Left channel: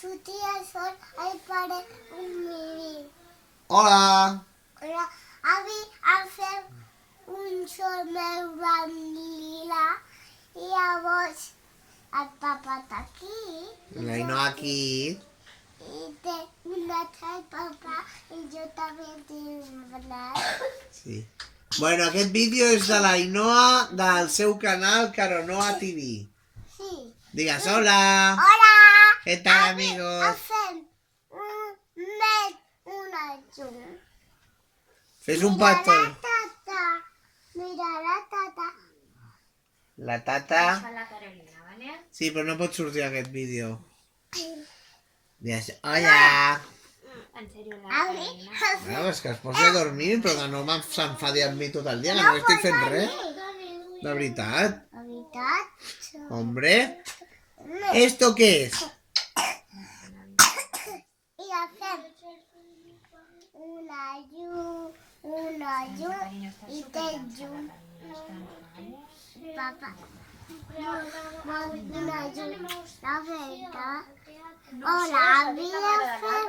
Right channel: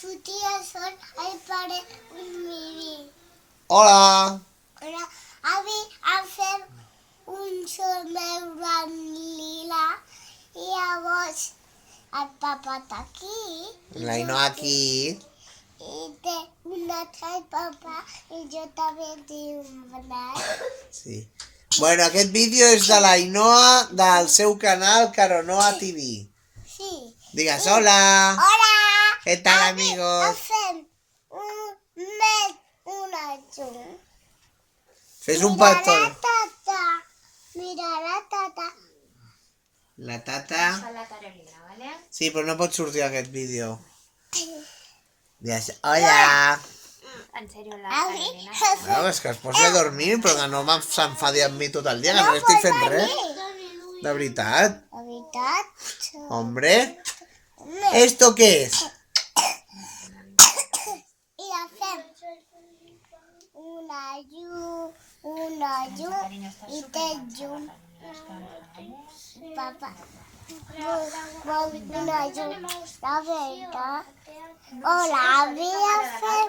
sortir el sol al pare un vídeo. Hola! Hola, avui hem fet un sol meu blanc lila i llavors el papa està aquí. L'Ainoa aquí. I té un altre papa i jo també tinc un blanc. Sí. Bueno, aquest vídeo és de l'Ainoa del seu canal Caronoa TV. Sí. Digues hola! Hola! Què tal, Avui amigos? hem fet una llum. Fes un Mira petó. la tata. Mira la tata. La tata... Fa la Carolina, ¿vale? Sí, però no pot sortir aquest vídeo. Digues hola! En serio, la Avui Carolina. hem No, és que es posi a dormir, però que no s'enfadi amb mi tot el dia, que no estic fent res. De veritat. La veritat. Hombre, ¿esto qué es? I la fem una llum i té llum. Papa, vol una llum, la veritat. Hola, havia fet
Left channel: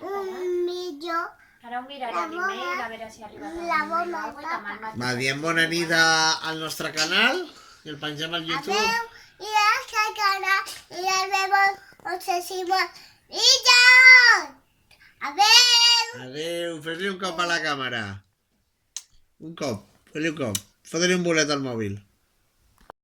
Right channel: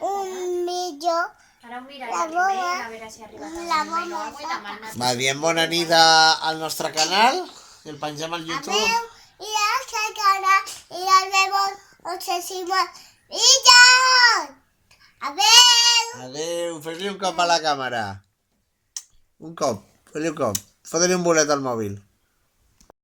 un millor. Ahora mira La el email, bomba. a ver si arriba La también bomba me lo hago y la tapa. mano. Va, diem bona nit al nostre canal, i el pengem al YouTube. Adeu, i la canal, i nos vemos próximos vídeos. Adeu. Adéu, fes-li un cop a la càmera. Un cop, fes-li un cop. Fot-li un bolet al mòbil.